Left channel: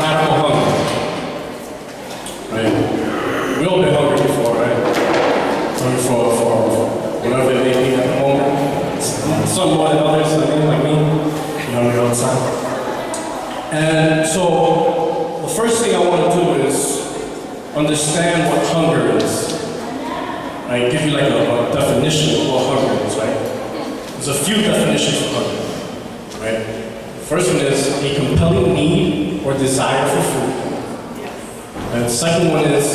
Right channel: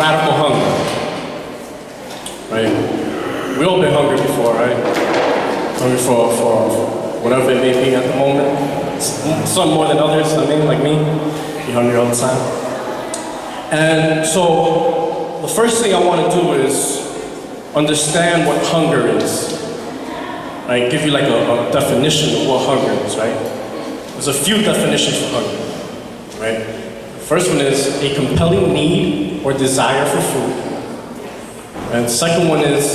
radical hunger. Right? We all been hungry before, right? Hungry for whatever it may be at the moment. Some more than others, I mean, like me. Be hungry all the time. And so, the first thing I want to do is understand what hunger is. Right? Give you like a definition of what hunger is, right? There's a few definitions for hunger, right? First one is a compelling need or desire for food. And the second one is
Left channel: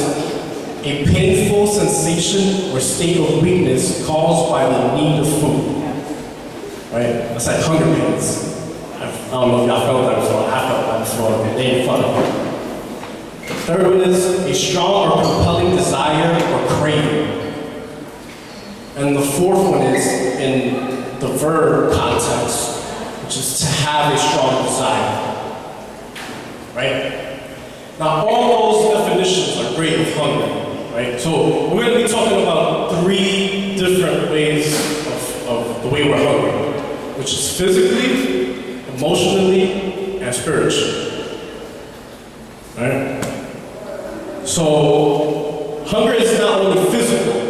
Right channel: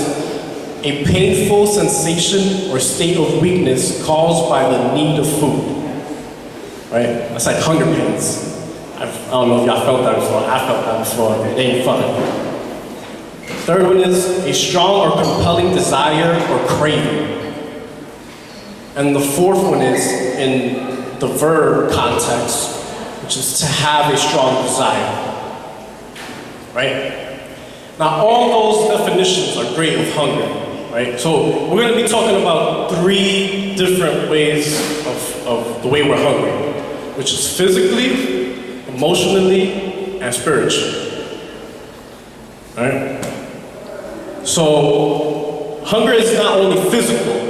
a painful sensation or state of weakness caused by the need of food. Right? That's like hunger pains. I don't know if y'all felt that before. I felt that before. They ain't fun. The third one is a strong or compelling desire or craving. And the fourth one is in the verb context, which is to have a strong desire. Right? Now, all those definitions are great of hunger. Right? So we're going to be talking about 3 different ways of the way we're hungry, which is physically, emotionally, and spiritually. Right? So hunger is not only physical,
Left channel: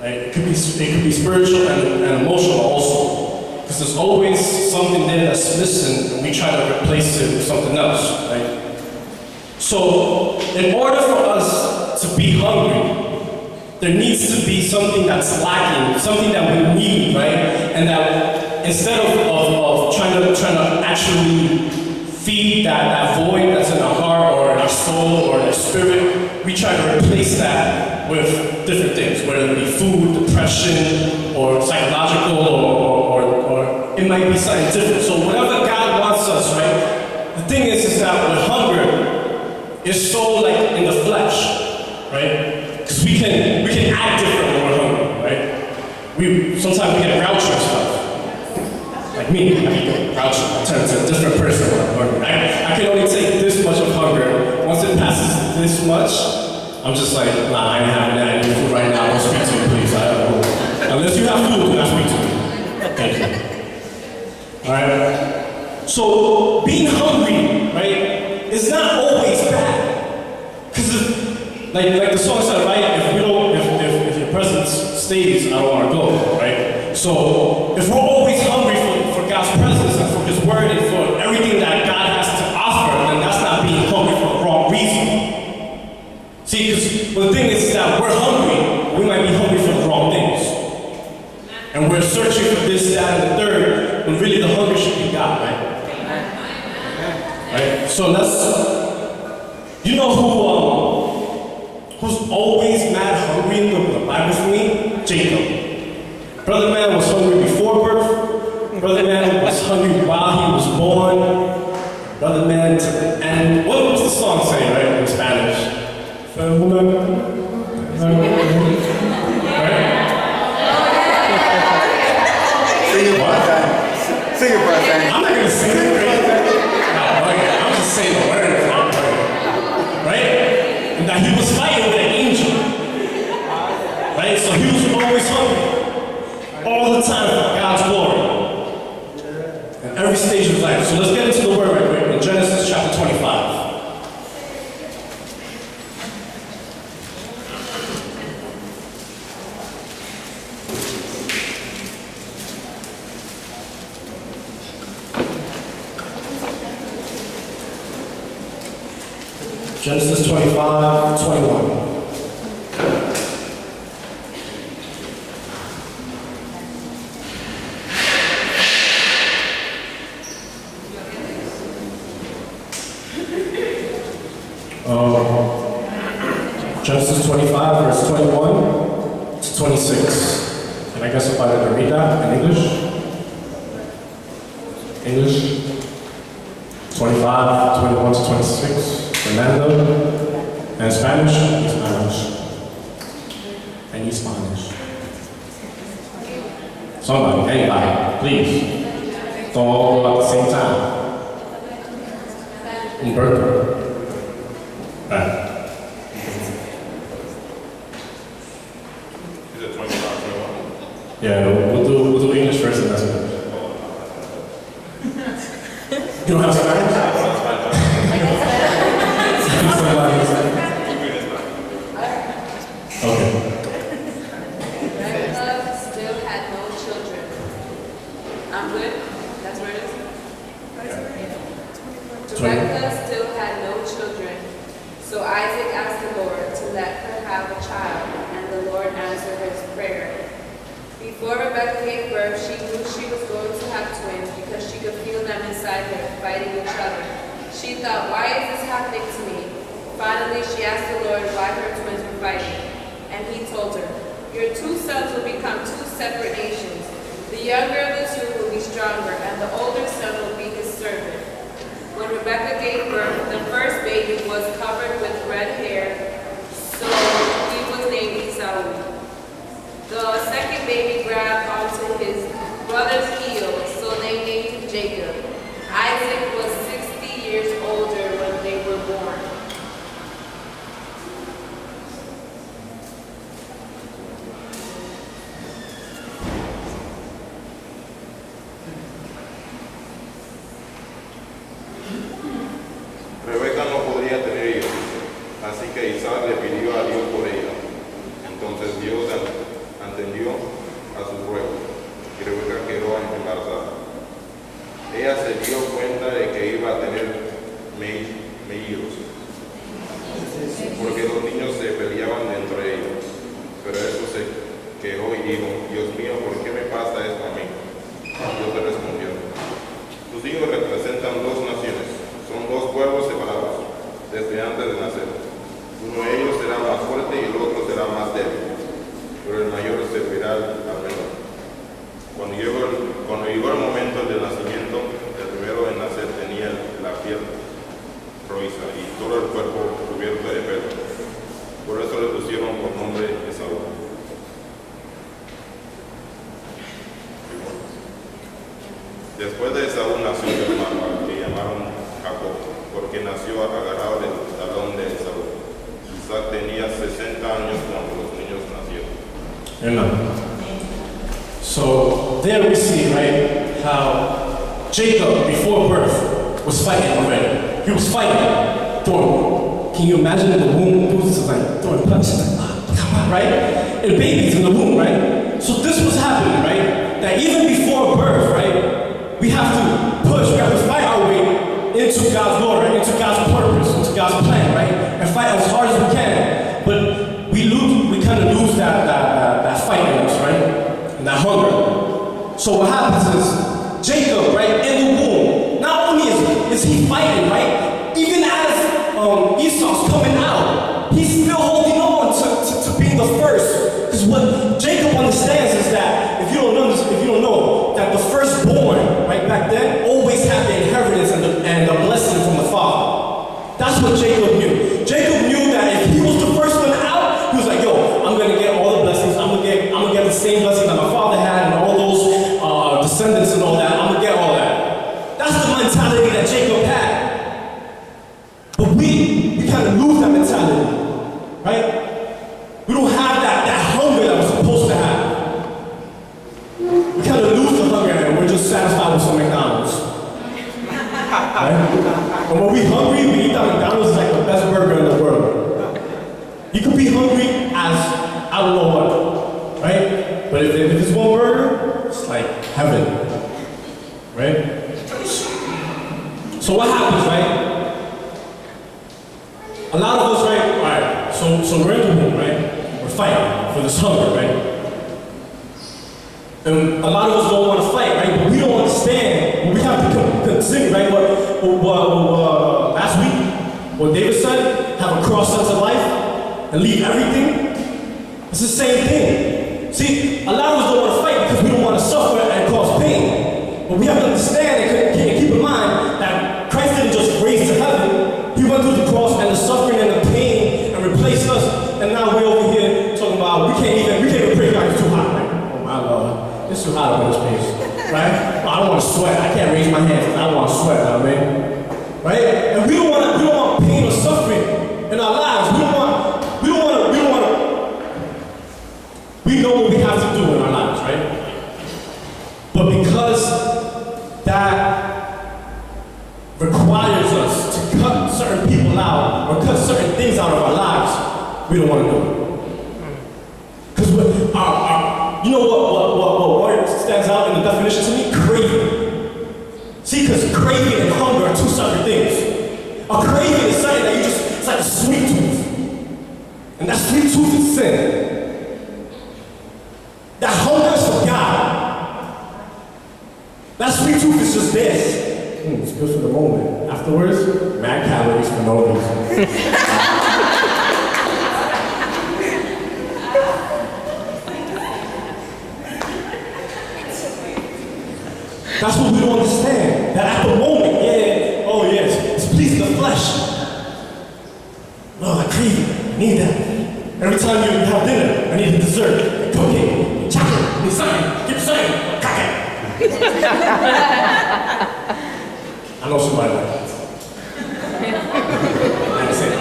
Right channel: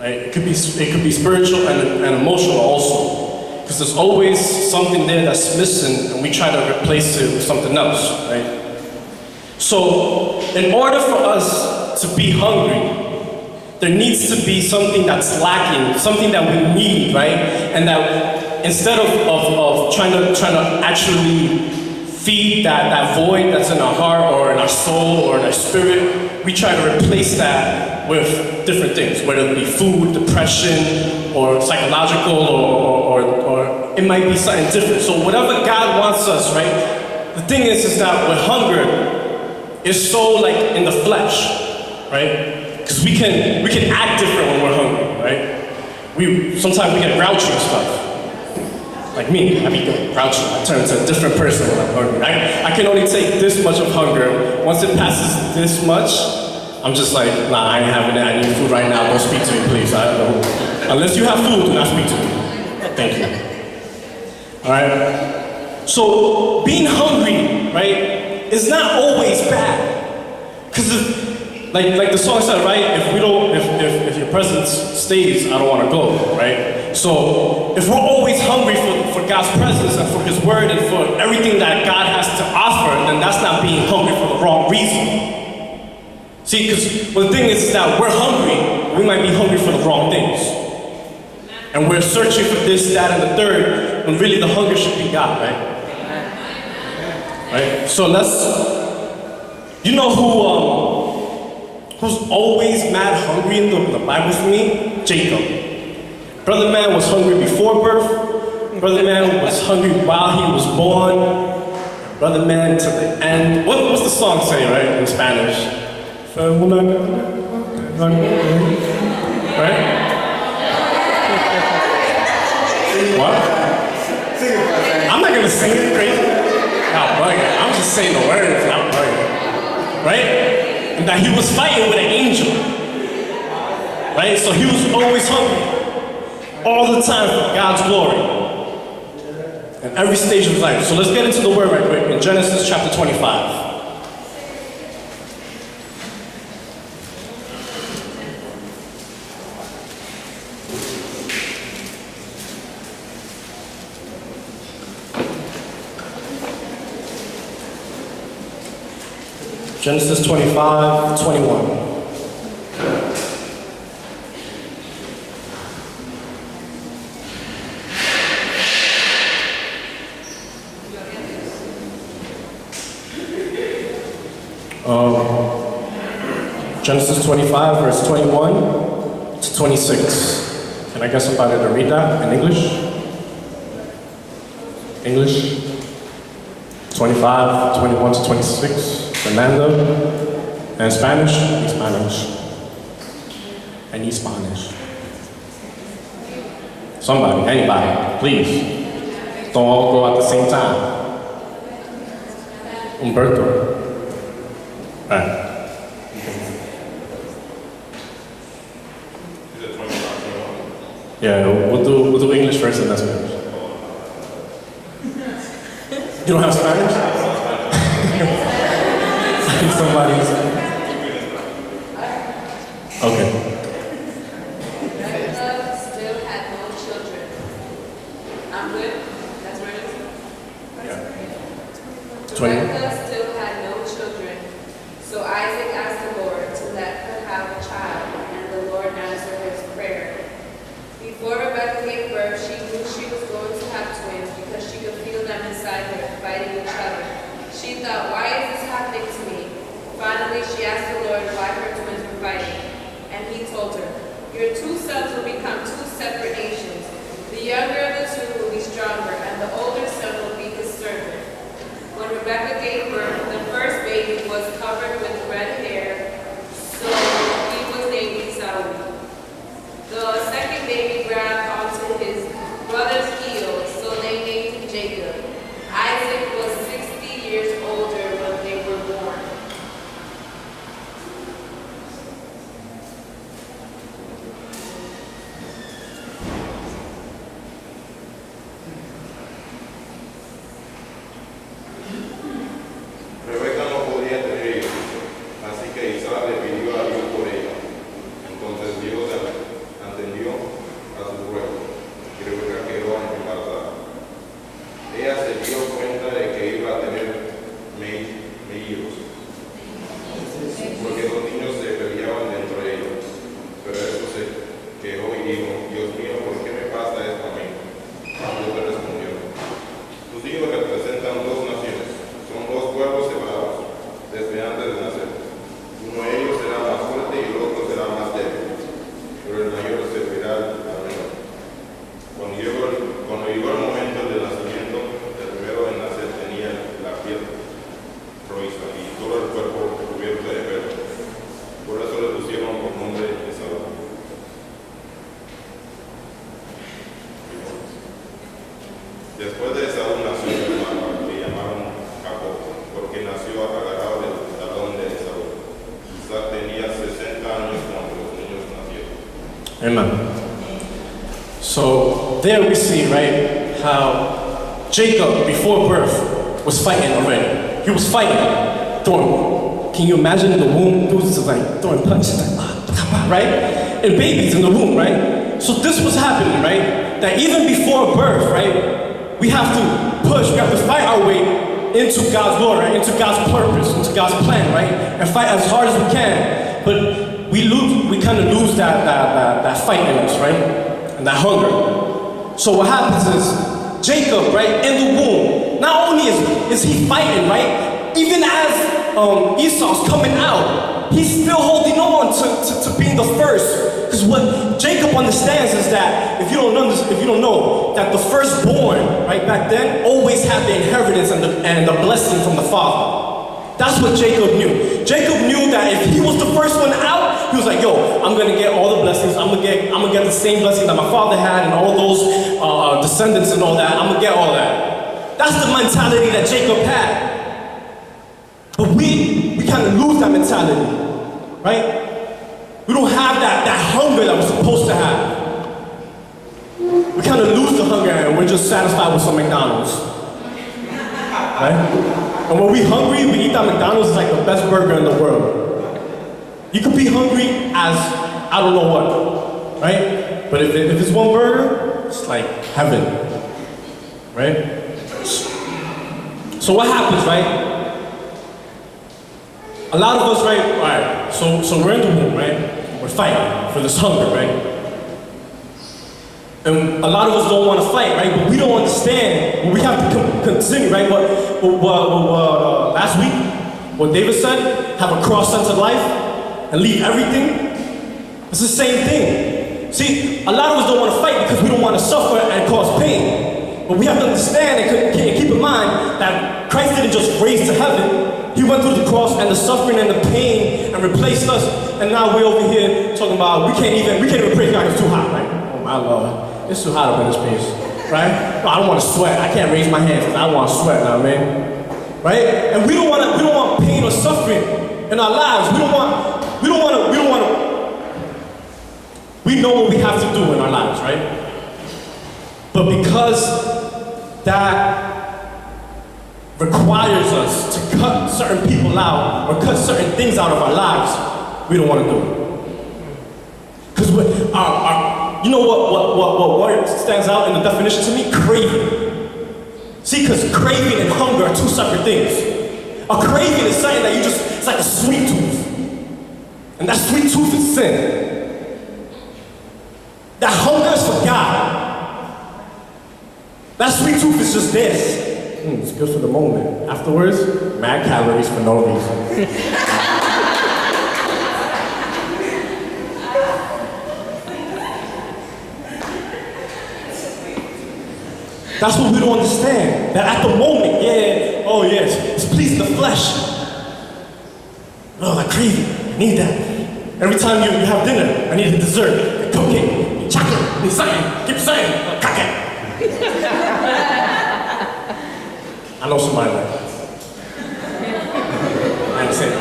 right? It could be spiritual and emotional also, because there's always something there that's missing, and we try to replace it with something else, right? So in order for us to be hungry, there needs to be something that's lacking, something that we need, right? And that instead of trying to actually feed that void that's in our heart or in our soul or in our spirit, we try to replace that with different things, whether it be food, depression, or psychological, or it might be something different. So whatever God wants us, right? The thing is that with hunger, it's so like in the flesh. Right? Because we can act different when we're hungry, right? Sometimes we get grouchy and stuff. Like me, I get grouchy. I turn into a different person when I'm hungry. I can only take this much of hunger. Once it passes this much, I'm just like, nah, I ain't having that. I need food right now. Don't speak to me, please. I don't know. Unless you have food, do not speak to me. Thank you. All right? So being hungry, right, is not always bad. Because like the song said, right? If your presence stays, I don't want to go, right? So if we're always hungry for God's presence and for His word and for everything that God has to offer, then that's not being hungry for the wrong reason. See, because the thing is that we're hungry, we might be hungry for the wrong things. And we're searching for this, that, and the third, when really the hunger should be God, right? Right? So you know who's always mad hungry in the Bible for me? Jacob. Brother man was hungry before birth. Brother man was hungry while he was born. Brother man to the end. What's the song say, right, in Spanish? Right? What? Sing it, brother. I'm not going to sing it crazy. I'm just saying the words. I'm bugging. Right? And that he was fighting with an angel. Right? So he was always hungry. All the time for God's glory. In every stage of his life. So let's get into the word right quick. In Genesis chapter 25. Genesis 25:21. Genesis 25, verse 21 to 26. Can I get somebody to read that in English? English? 25, 21 to 26. Fernando. And Spanish? Spanish. I need Spanish. Somebody, anybody, please. Don't all go at the same time. Umberto. All right. Is it 25? Yeah, we'll do English first and then Spanish. You don't have Spanish? Rebekah still had no children, so Isaac asked the Lord to let her have a child, and the Lord answered his prayer. Before Rebekah gave birth, she knew she was going to have twins because she could feel them inside her fighting each other. She thought, why is this happening to me? Finally, she asked the Lord why her twins were fighting, and he told her, your two sons will become two separate nations. The younger of the two will be stronger, and the older son will be his servant. When Rebekah gave birth, the first baby was covered with red hair, so he was named Esau. The second baby grabbed onto his brother's heel, so they named him Jacob. Isaac was 60 years older when they were born. Rebeca no podía tener hijos, así que Isaac le pidió a Dios por ella. Entonces Dios atendió a su ruego y Rebeca quedó embarazada. Ella se dio cuenta de que iba a tener mellizos, porque los niños se peleaban dentro de ellos. Pero eso se quejó y dijo, Dios mío, ¿por qué me pasa esto a mí? Dios le respondió, tus hijos representan dos naciones, son dos pueblos separados, desde antes de nacer. Uno de ellos será más fuerte y el otro será más débil, pero el mayor servirá al menor. Cuando llegó el momento del nacimiento, el primero en nacer tenía la piel rojiza y todo el cuerpo cubierto de pelo. Por eso le pusieron por nombre Esaú. Después de Esaú nació su hermano, que llamaron Jacob, porque nació agarrado del talón de Esaú. Isaac tenía 60 años cuando los niños nacieron. Amen. So there we see, right, how Jacob, before birth, was fighting already. He was fighting, throwing. Can you imagine in the womb? He was just like throwing punches, like, come on, right? And babies in the womb, right? So this was happening, right? That even before birth, right, we have to push, we have to fight our way into God's glory, right? Into God's purpose, into God's plan, right? And fight as hard as we can. But we kind of lose that fight in us, right? And that hunger. So what happens is, Jacob, right, in the womb, not only is he fighting, right? Even as Esau's coming out, he's still holding on to being the first. Because what Jacob understands is that if you don't know that the firstborn, right, back then always had the inheritance and the blessing from the father. That's what Jacob knew. Jacob knew that if he was the first one out, he was like, yo, I'm gonna get all the blessings. I'm gonna get the same blessing that my father had and all those descendants and all that. I'm gonna get all that. That's the mentality that Jacob had. But we kind of lose that mentality, right? We don't have that hunger that we're supposed to have. We kind of lose the hunger and we're just satisfied with some McDonald's. Right? And when we're hungry, we eat that McDonald's, it's like the best burger in the world. You could be hungry as I don't know what, right? But if it's one burger, it's like heaven, right? So what happens, right? A lot of us, right? All right. So we're in the womb, right? We're fighting for this hunger, right? And a lot of us don't want to fight, right? But we don't understand what we have to consider, right? What last week, what David said, have a cross-centered life and leave everything. It's the same thing. See, a lot of us don't want to fight because we don't want to suffer and cause pain. But we have to understand and keep in mind that Christ didn't just raise to heaven. He went through the cross and the suffering and the pain and replaced us. And now we're over here talking about we can't even praise God. It's too hot, right? Oh my Lord, it's too hot up in this place, right? No, I don't want to sweat. I can't raise my hands because I don't want to sweat now, man. Right? And we don't want pain or suffering in our lives. We know what we have to do in our lives, right? But because that requires us to cut certain people out or cut certain things out of our lives, we don't want to do it. Because you know what word stands out in the definition to me? Craving. See, because craving and hunger are two separate things. A craving is something that it's like a sweet tooth. And that sweet tooth is sin. That hunger is for God. That sweet tooth is just this. It's good for the moment. Afterwards, mad calories for no reason. That's what we don't understand. That at the moment, it's pleasing the flesh. Oh, I crave it. I need that. Every time you have dinner, I need a dessert, a cookie, chocolate, need something. Keep saying, cookie. I know somebody like that. I say it.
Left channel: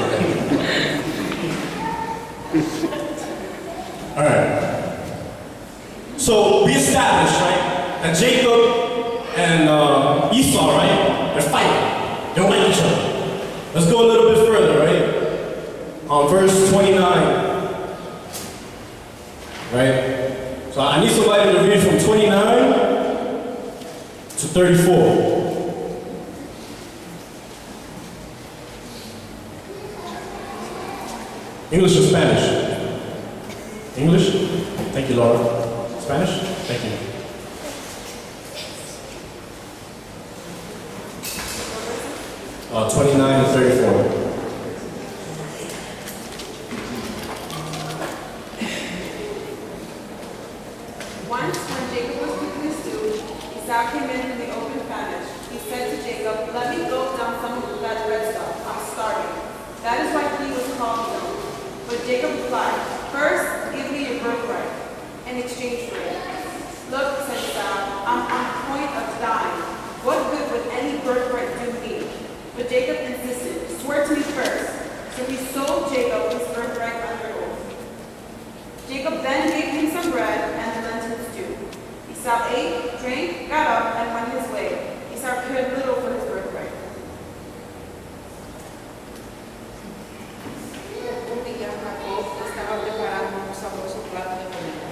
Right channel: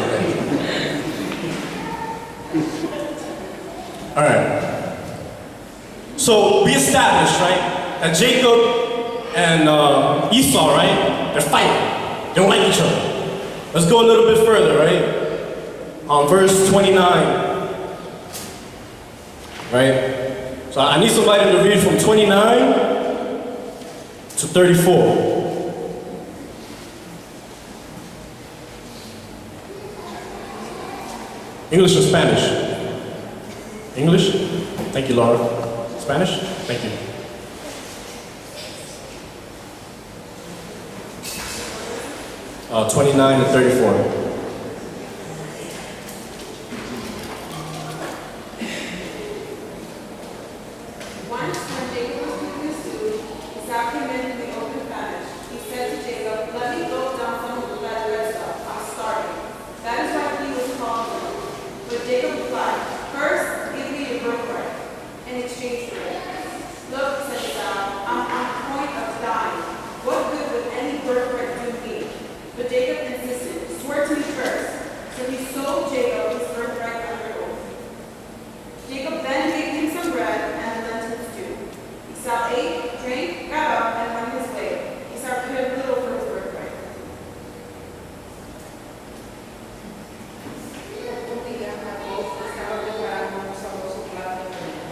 All right. So we established, right, that Jacob and Esau, right, they're fighting. They don't like each other. Let's go a little bit further, right? Verse 29. Right? So I need somebody to read from 29 to 34. English or Spanish? English? Thank you, Laura. Spanish? Thank you. Uh, 29 to 34. Once, when Jacob was cooking his stew, Isaac came in the open famished. He said to Jacob, "Let me go down some of that red stuff. I'm starving." That is why he was called him. But Jacob replied, "First, give me your birthright in exchange for it." "Look," said Esau, "I'm on the point of dying. What good would any birthright do me?" But Jacob insisted, "Swear to me first." So he sold Jacob his birthright under oath. Jacob then gave him some bread and the lentil stew. Esau ate, drank, got up, and went his way. Esau cared little for his birthright. Un día Jacob estaba preparando un sabroso plato de comida.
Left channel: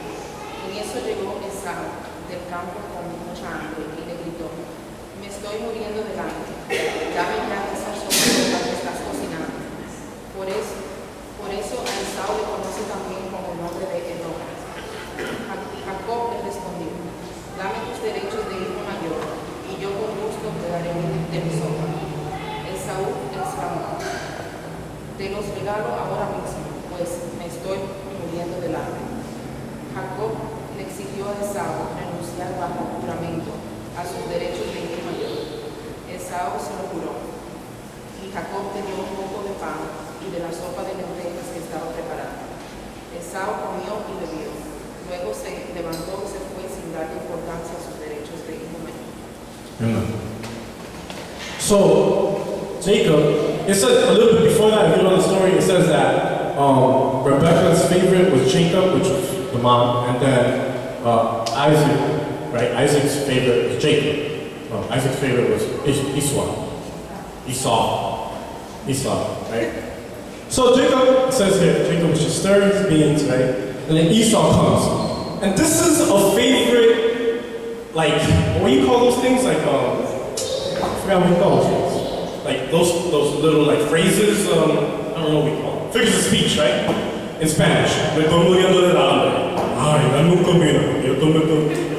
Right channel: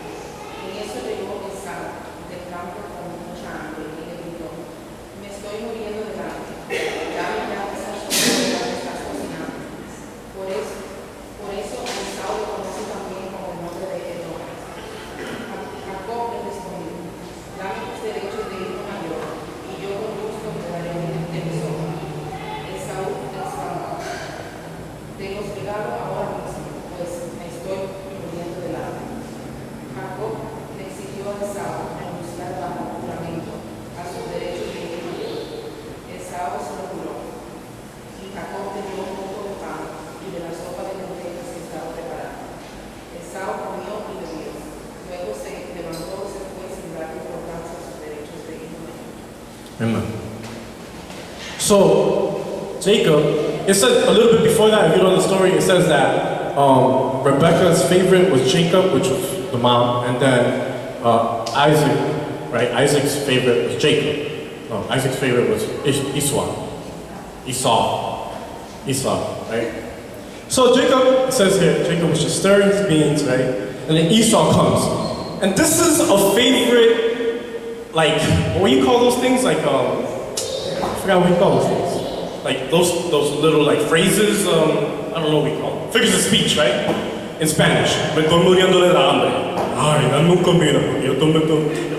En eso llegó Esau del campo con mucha hambre y le gritó, "Me estoy muriendo de hambre. Dame ya esa sopa de la que estás cocinando." Por eso a Esau le conoce también como el nombre de Edom. Jacob le respondió, "Dame tus derechos de hijo mayor, y yo con gusto te daré de mi sopa." Esaú exclamó, "Te los regalo ahora mismo, pues me estoy muriendo de hambre." Jacob le exigió a Esaú renunciar bajo juramento a sus derechos de hijo mayor. Esaú se lo juró, y Jacob le dio un poco de pan y de la sopa de lentejas que estaba preparando. Esaú comió y bebió. Luego se levantó y se fue sin darle importancia a sus derechos de hijo mayor. Amen. So, Jacob, it says a little bit before that, if you know the story, it says that Rebecca's favorite was Jacob, which was the mom, and then Isaac, right? Isaac's favorite was Jacob. Isaac's favorite was Esau, right? So Jacob, it says here, Jacob was just stirring his beans, right? And then Esau comes. And this is a favorite, like, what do you call those things? Like, I forgot what you call those things. Like those little like phrases, I don't know what we call them. Figures of speech, right? In Spanish. Me estoy muriendo de hambre. Ay, dame un comida.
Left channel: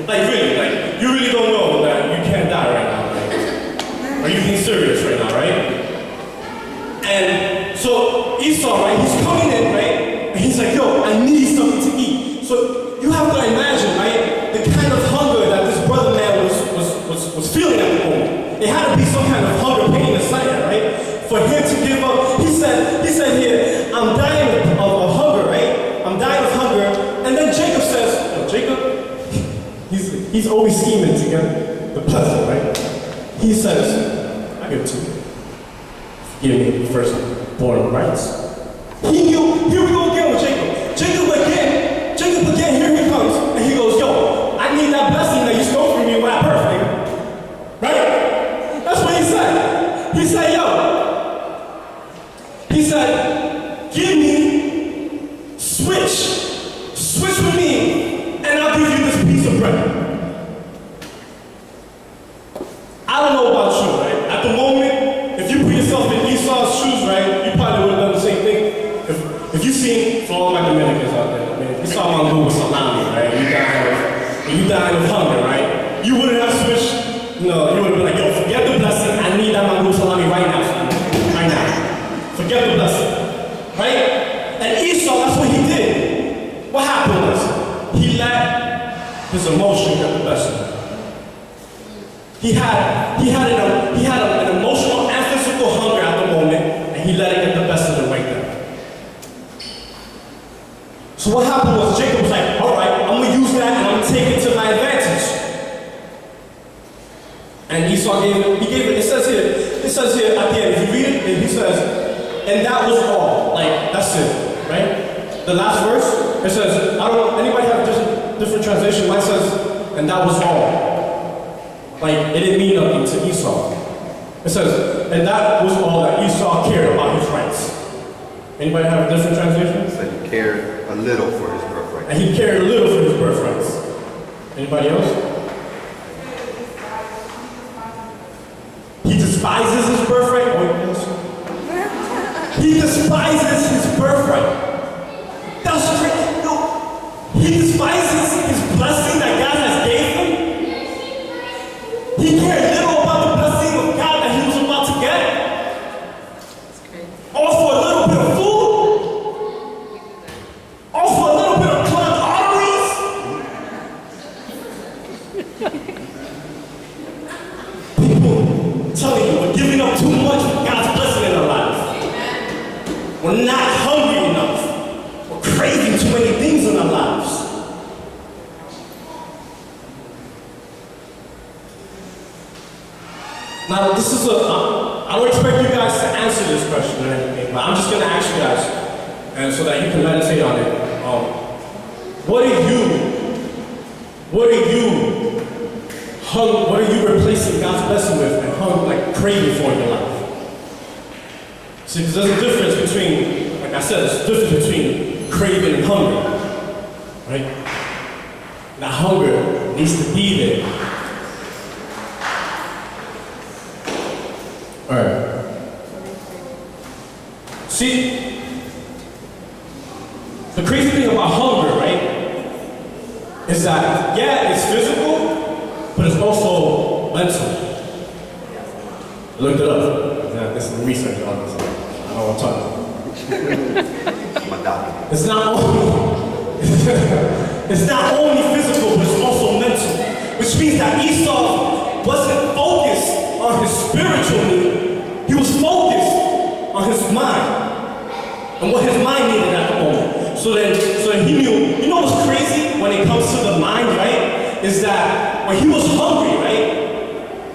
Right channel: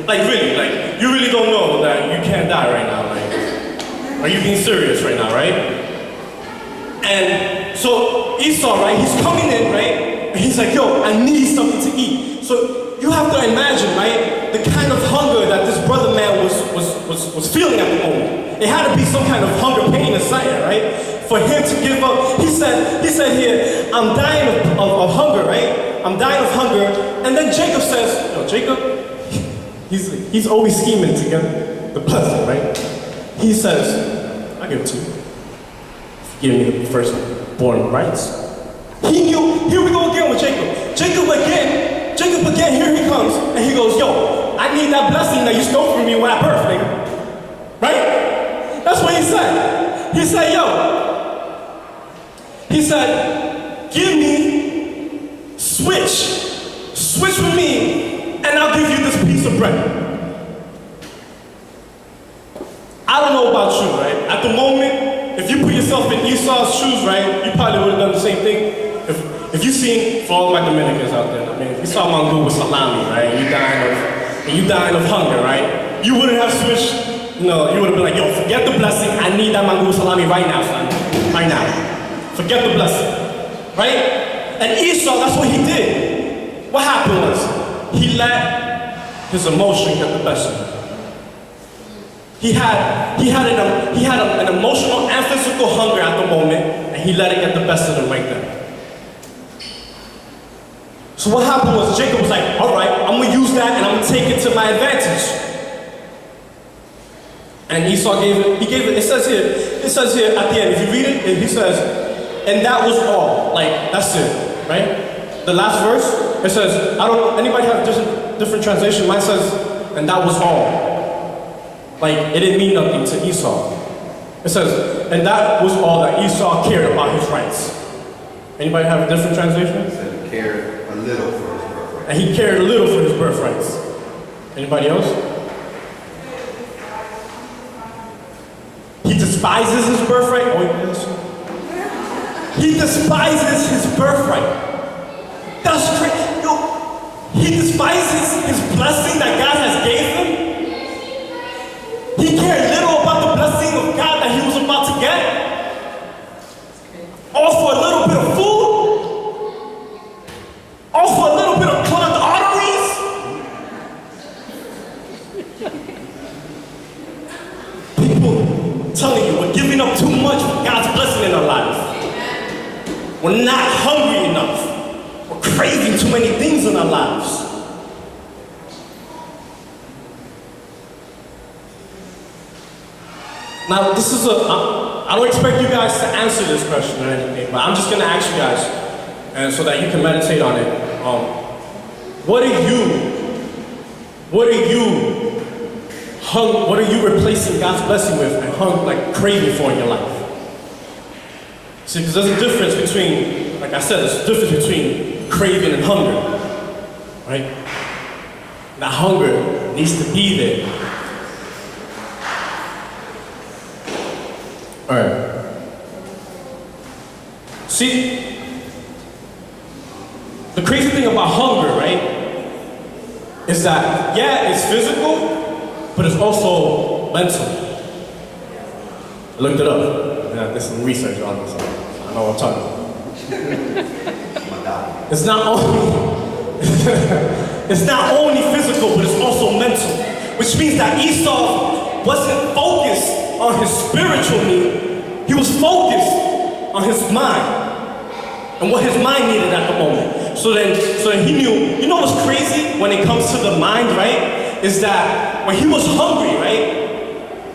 Like really, like, you really don't know that you can't die right now, like, are you being serious right now, right? And so Esau, right, he's coming in, right? And he's like, "Yo, I need something to eat." So you have to imagine, right, the kind of hunger that this brother man was feeling at the moment. It had to be some kind of hunger, pain, and sight, right? For him to give up. He said here, "I'm dying of hunger," right? "I'm dying of hunger." And then Jacob says, "Yo, Jacob," he's always scheming to get the blessing, right? He says, "I give it to you. Give me the firstborn rights." He knew, here we go again with Jacob. Jacob again, here he comes. And he goes, "Yo, I need that blessing that you stole from me when I birthed, nigga." Right? That's what he said. He said, "Give me, switch with me, and I'll give you this piece of bread. I don't know about you, right? At the moment, if you put yourself in Esau's shoes, right, you probably would have done the same thing. If you seen, for all my Dominicans out there, I mean, if you saw mango with salami, right, you dying of hunger, right, you wouldn't have switched, no, you would have been like, yo, forget the blessing, I need that mango with salami right now, son, right now. Forget the blessing, right? And Esau, that's what he did. What happened was, he let his emotion get the best of him. He had an emotional and physical hunger at the moment, and he let it get the best of him right there. So what happened was Jacob was like, all right, I'm gonna use that and I'm gonna take it to my advantage. And Esau gave it, it says here at the end, if you read it, he says, and that was all. Like, that's it, right? The last verse, it says, I don't know, anybody have different translation? Mine says, and that was all. Like, it didn't mean nothing to Esau. It says, and that was all that Esau cared about his rights. Anybody have a different translation? He said he cared a little for his birthright. And he cared a little for his birthrights. Anybody else? He despises his birthright? Oh, yes. He despises his birthright. That's crazy. No. He despises his blessing that God has gave him. He cared little about the blessing of God that he was about to get. All for a little bit of food. All for a little bit of clogged arteries. People telling you we're giving up too much for God's blessing in our lives. We're not hungry enough. We're craving too many things in our lives. Now, this is I don't expect you guys to answer this question or anything, but I'm just going to ask you guys, and so that you can meditate on it. What are you replacing God's blessing with and craving for in your life? See, because there's a difference between, like I said, there's a difference between craving and hunger, right? That hunger needs to be there. All right. See, the crazy thing about hunger, right, is that, yeah, it's physical, but it's also mental. I looked it up. I did some research on this. I know what I'm talking about. It's not only physical, but it's also mental, which means that Esau wasn't focused on his spiritual need. He was focused on his mind and what his mind needed at the moment. So then he knew, you know what's crazy when it comes to the mind, right? Is that when he was hungry, right?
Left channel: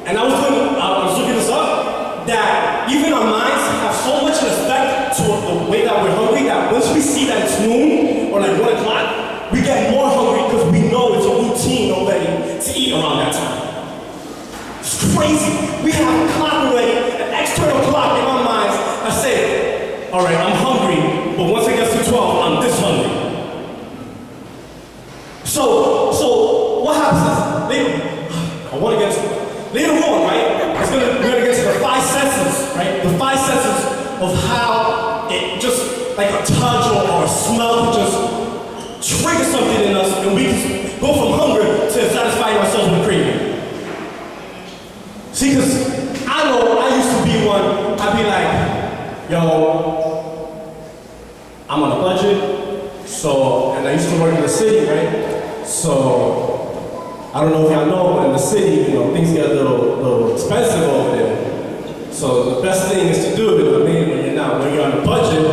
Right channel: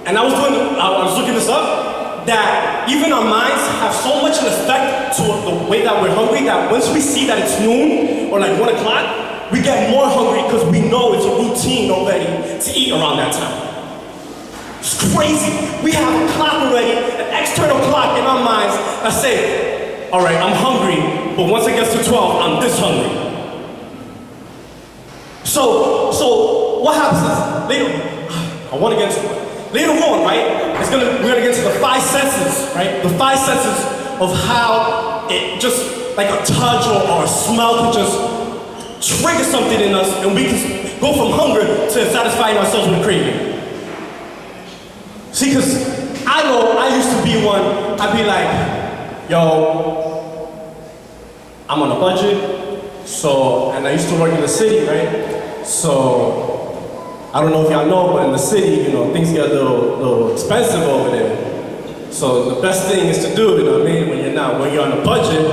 And I was looking this up, that even our minds have so much an effect to the way that we're hungry that once we see that it's noon or like 1 o'clock, we get more hungry because we know it's a routine already to eat around that time. It's crazy. We have a clock already, an external clock in our minds that say, all right, I'm hungry, but once it gets to 12, I'm this hungry. So what happens is, later on, right, we're gonna get to the 5 senses, right? The 5 senses of how it just, like a touch or a smell can just trigger something in us, and we can go from hunger to satisfying ourselves with craving. See, because I know I used to be one, I'd be like, yo, I'm on a budget, and I used to work in the city, right? So, I don't know if y'all know, but in the city, things get a little expensive over there. So the best thing is to do, when you're on a budget,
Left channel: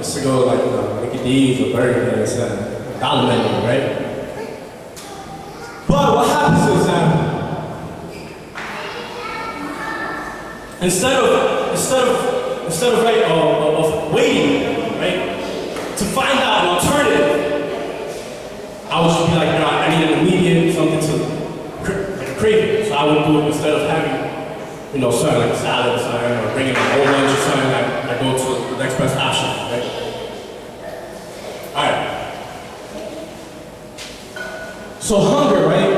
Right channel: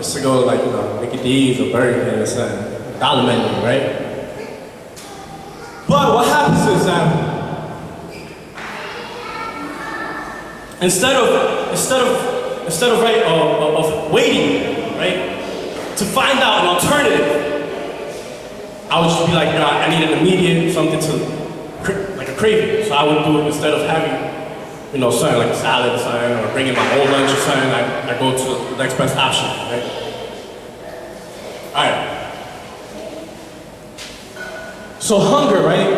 is to go like, Mickey D's or Burger King, it's a dollar menu, right? But what happens is that instead of waiting, right, to find out an alternative, I would just be like, I need an immediate something to, like a craving. So I would do it instead of having, something like a salad or something, or bringing my whole lunch or something, I go to the next best option, right? All right. So hunger, right?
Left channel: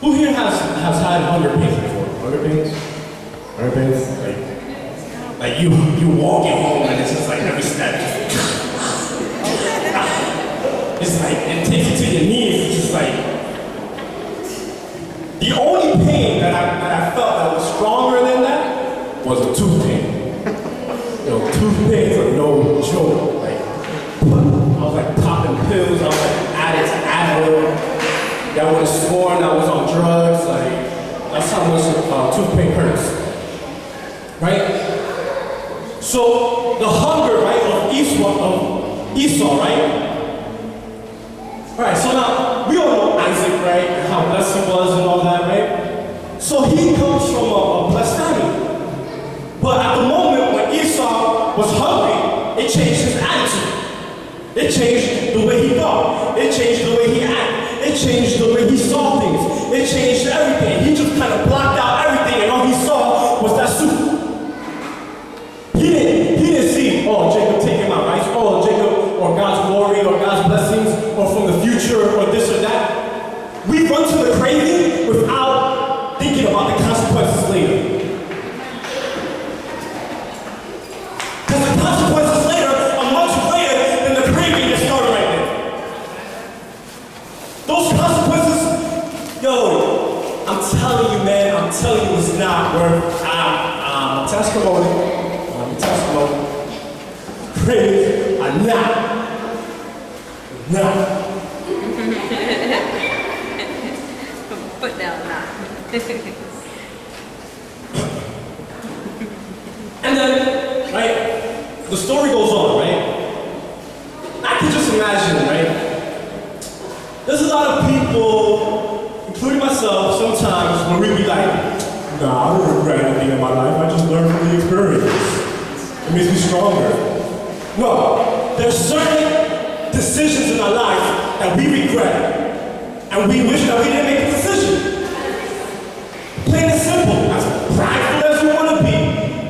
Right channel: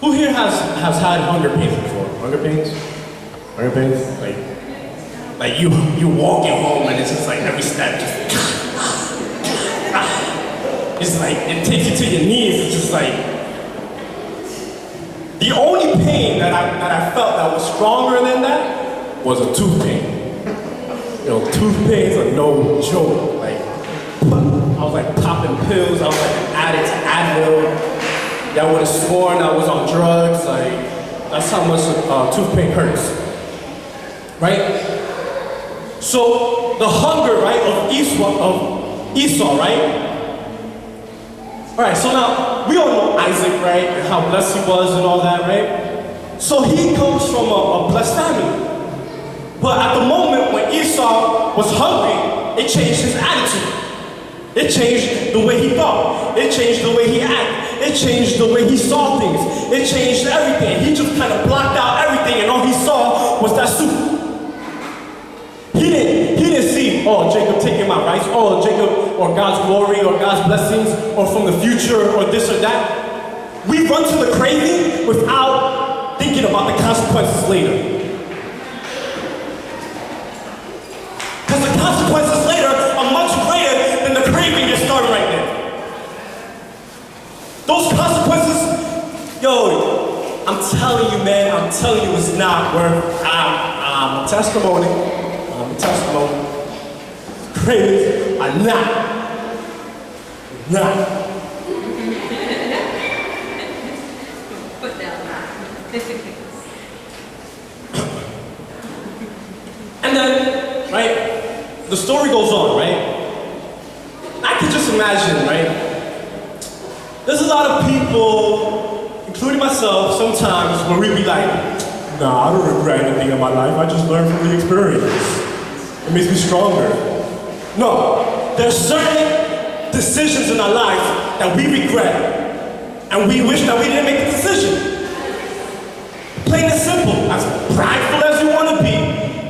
Who here has had hunger pains before? Hunger pains? Hunger pains? Like you walking home and it's just like every step just it's like it takes you to your knees. It's just like the only pain that I felt that was stronger than that was a tooth pain. You know, tooth pains are no joke. Like I was like popping pills. I was like an addict to Advil. Y'all would have sworn I was on drugs. Like that's how much tooth pain hurts, right? So the hunger, right, of Esau, right? All right. So now we all know Isaac, right, and how blessed he was and all that, right? So he comes from a blessed family. But at the moment when Esau was hungry, it changed his attitude. It changed the way he thought. It changed the way he acted. It changed the way he saw things. It changed everything. He just kind of blocked out everything, and all he saw was that soup. He didn't see, oh, Jacob taking my rights, oh, Jacob, or God's glory, or God's blessings, or from the future, or this or that. We run to the craving without thinking about the consequences later. Because the consequences later are much greater than the craving that started right there. Those consequences, yo, I'm telling you, man, I'm telling you it's not worth testimony. Testimony. Cravings are not. Put down that. And then, right, the story goes on, right? I can just imagine, right? There's a lot of people, including myself, sometimes where we be like, nah, I don't regret anything in my life. I just learned from the experience. It makes me stronger. No, there's certain decisions in our life that we regret, and we wish that we didn't make the decision. Plain and simple, as prideful as you want to be,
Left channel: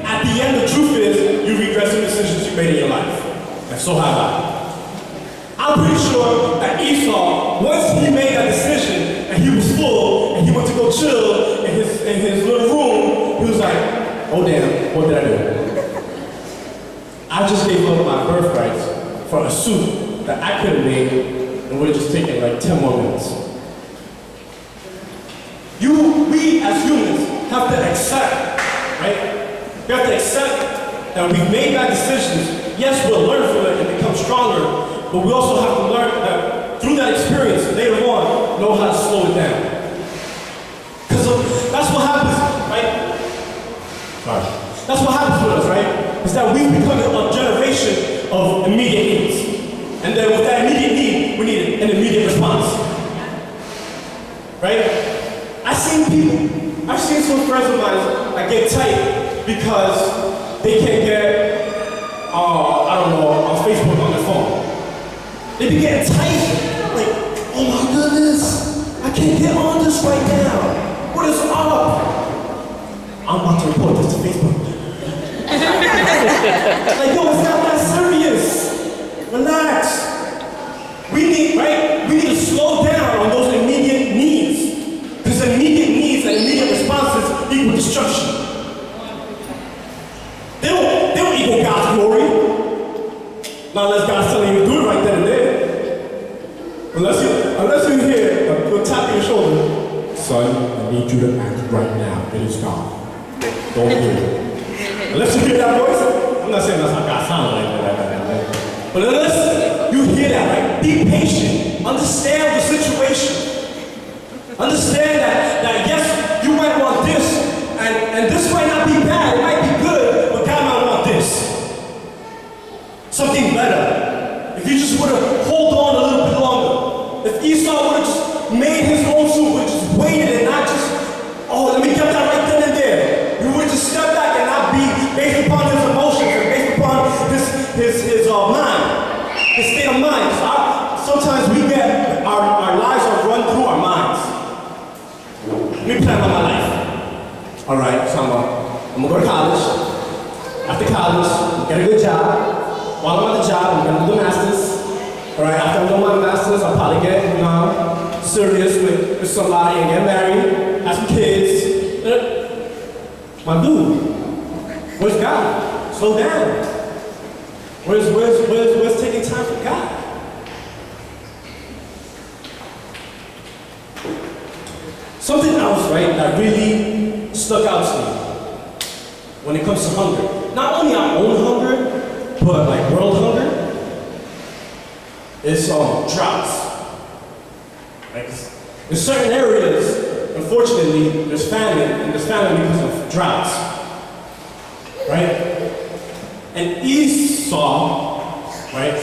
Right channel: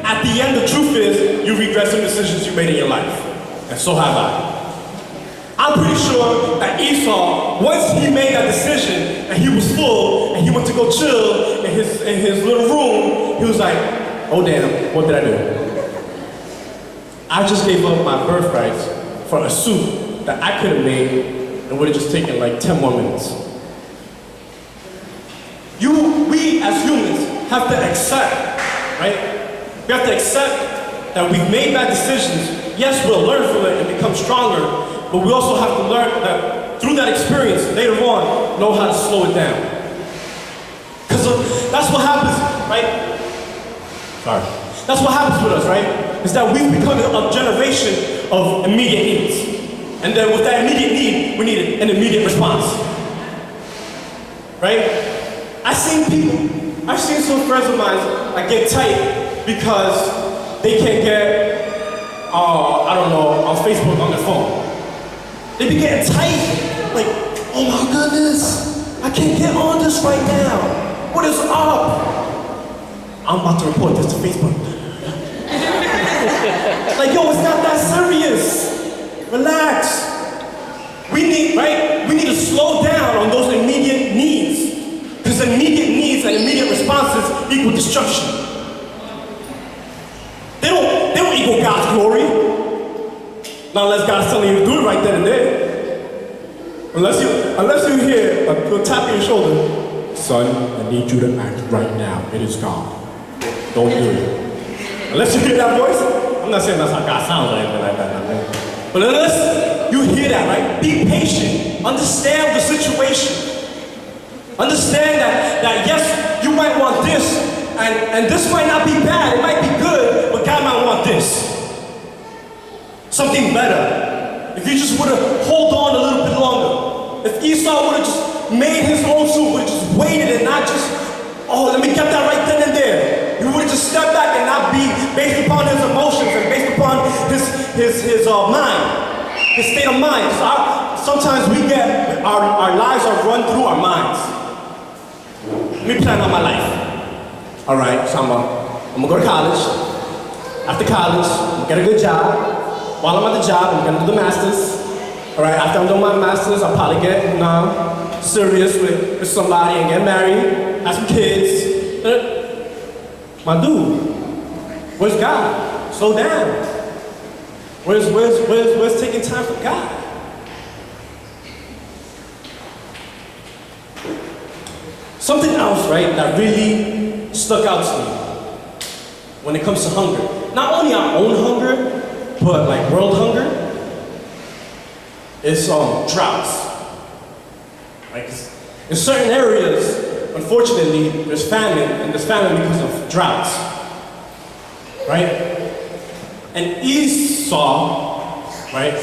at the end the truth is you regret some decisions you made in your life. And so have I. I'm pretty sure that Esau, once he made that decision and he was full and he went to go chill in his little room, he was like, oh damn, what did I do? I just gave up my birthrights for a soup that I could have made and would have just taken like 10 more minutes. We as humans have to accept, right? We have to accept that we've made bad decisions. Yes, we'll learn from it and become stronger, but we also have to learn that through that experience, later on, know how to slow it down. Because that's what happens, right? Sorry. That's what happens with us, right? Is that we've become a generation of immediate needs. And then with that immediate need, we need an immediate response. Right? I've seen some friends of mine like get tight because they can't get, I don't know, on Facebook on their phone. They be getting tight, like, oh my goodness, I can't get on this right now. What is up? I'm about to report this to Facebook. Like, yo, it's not that serious. Relax. We need to slow down on those immediate needs. Because immediate needs and immediate responses equal destruction. They don't equal God's glory. Not unless God's telling you to do it right then and there. Unless you hear a tap on your shoulder, son, I need you to act right now. It is God. Don't do it. Unless you hear that voice, I'm not saying that's how God sounds or anything like that. But unless you hear that, right? Be patient. Understand the situation. Understand that yes, you might want this, and this might not be bad. It might be good, but God might want this. Something better. If you just would have hold on a little bit longer. If Esau would have just made his own soup, would have just waited and not just, oh, let me get that right then and there. He would have just stepped back and not be based upon his emotions and based upon his mind, his state of mind. Sometimes we get, our lives are run through our minds. Let me plan out my life. All right, so I'm gonna go to college. After college, I'm gonna get a good job. While I'm at the job, I'm gonna do the master's. All right, after I'm done my master's, I'll probably get, serious with somebody and get married, have some kids. My dude, where's God? Slow down. Where's taking time for God? Something else, right, that really stuck out to me when it comes to hunger. Not only our own hunger, but like world hunger, is droughts. Like in certain areas, unfortunately, there's famine, and there's famine because of droughts. Right? And Esau, right,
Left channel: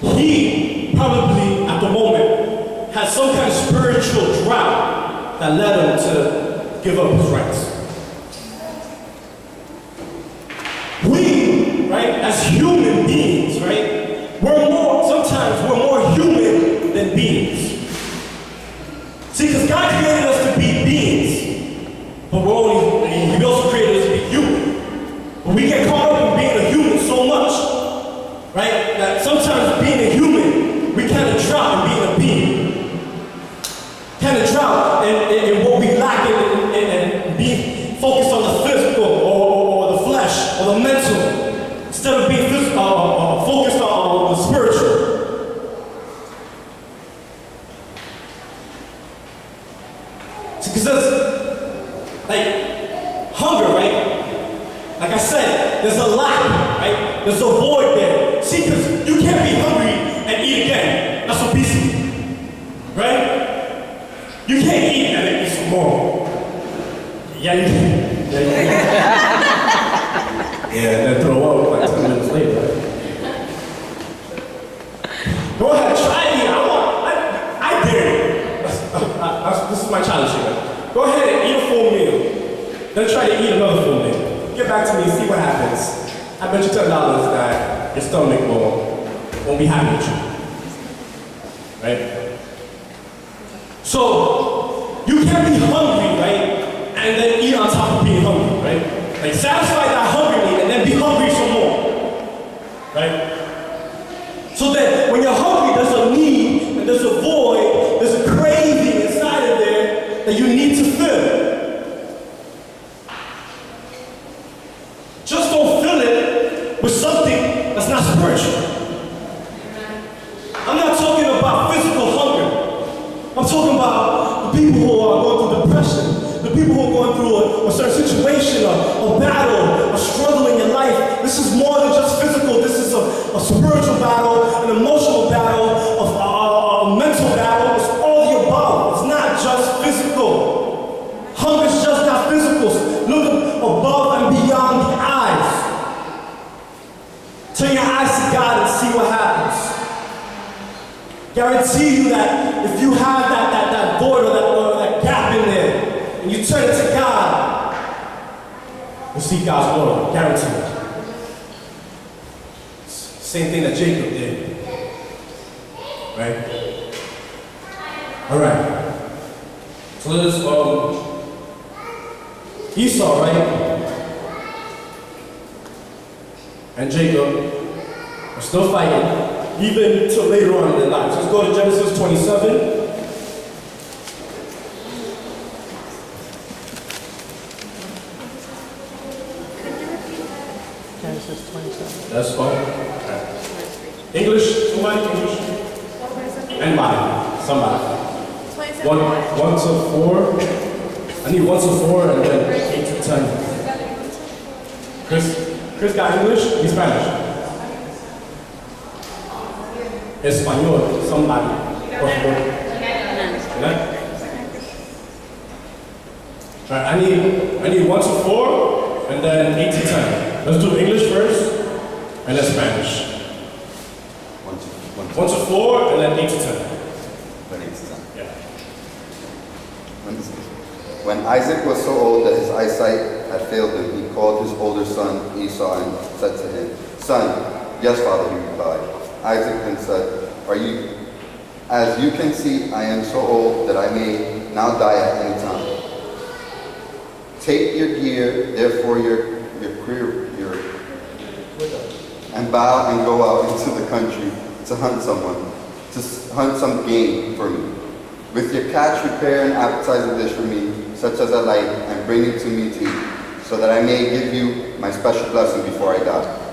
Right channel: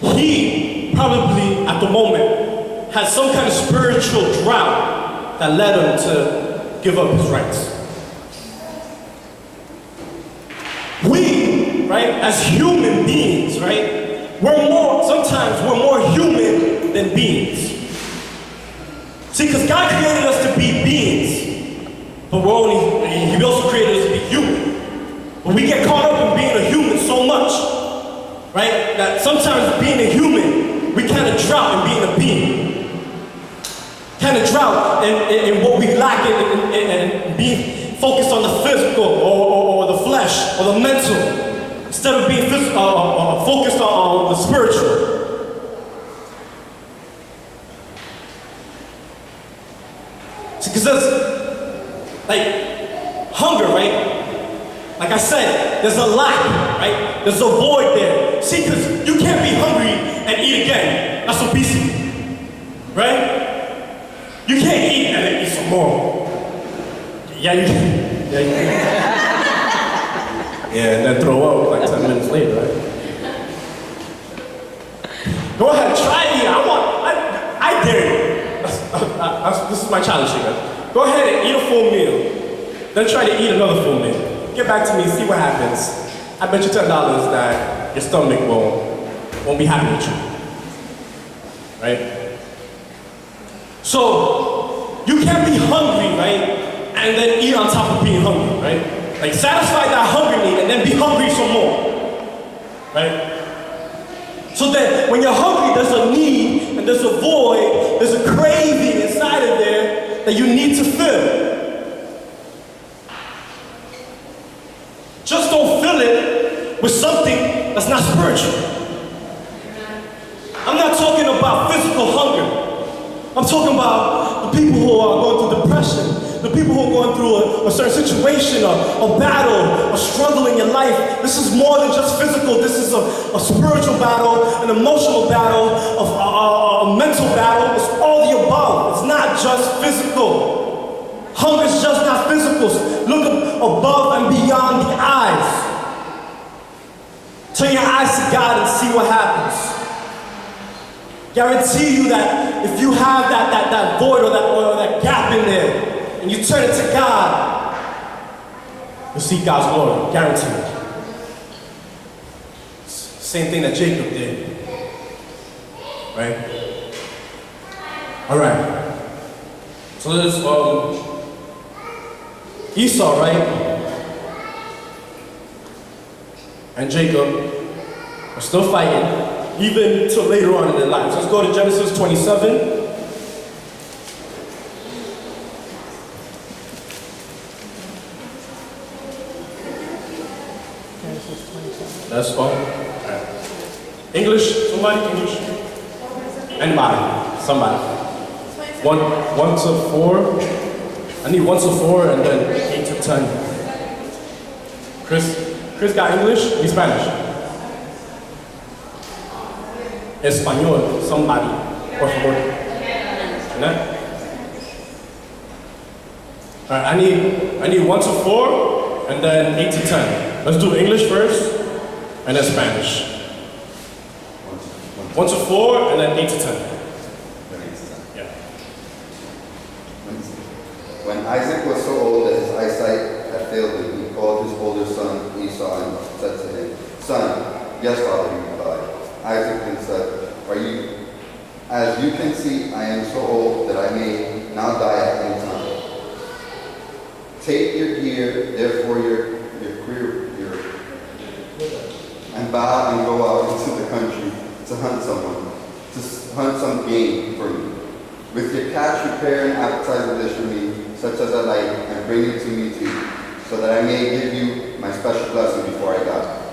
he probably at the moment had some kind of spiritual drought that led him to give up his rights. We, right, as human beings, right, sometimes we're more human than beings. See, because God created us to be beings, but He also created us to be human. But we get caught up in being a human so much, right, that sometimes being a human, we kind of drop in being a being. Kind of drop in what we lack and being focused on the physical or the flesh or the mental, instead of being focused on the spiritual. Because there's, like, hunger, right? Like I said, there's a lack, right? There's a void there. See, because you can't be hungry and eat again. That's obesity, right? You can't eat and then eat some more. Yeah, you can. Yeah, you can. Yeah, and then throw up like 10 minutes later, right? Go ahead, try it. I dare you. This is my challenge here. Go ahead and eat a full meal. Then try to eat another full meal. Get back to me and see what happens. I bet you $10 that your stomach won't be happy with you. Right? So, you can't be hungry, right? And then eat on top of being hungry, right? Like, satisfy that hunger need and then be hungry some more. Right? So that when you're hungry, there's a need and there's a void, there's a craving inside of there that you need to fill. Just don't fill it with something that's not spiritual. I'm not talking about physical hunger. I'm talking about the people who are going through depression, the people who are going through a certain situation, a battle, a struggle in your life. This is more than just physical. This is a spiritual battle, an emotional battle, a mental battle. It's all the above. It's not just physical. Hunger is just not physical. Look above and beyond the eyes. Turn your eyes to God and see what happens. Guarantee you that if you have that void or that gap in there, and you turn it to God, you'll see God's glory. Guarantee it. Same thing that Jacob did. Right? All right. So there's Esau, right? And Jacob are still fighting, even till later on in their lives. Let's go to Genesis 27. Genesis 27. That's fine. English? Somebody? English? Anybody? Somebody. 1 to 4. I need 1 to 4 and then 8 to 10. Chris got English? He's Spanish. Español, somebody. Por favor. Amen? All right, I need 1 to 4 and then 8 to 10. Let's do English first and then Spanish. 1 to 4 and then 8 to 10. Yeah. When Isaac was so old that his eyesight had failed him, he called his older son Esau and said to him, "Son." "Yes, father," he replied. Isaac then said, "As you can see, I am so old that I may now die at any time. Take your gear, therefore your and bow and go out into the country to hunt some game for me. With your catch, prepare an appetizer dish for me, such as I like, and bring it to me too, so that I may give you my special blessing before I die.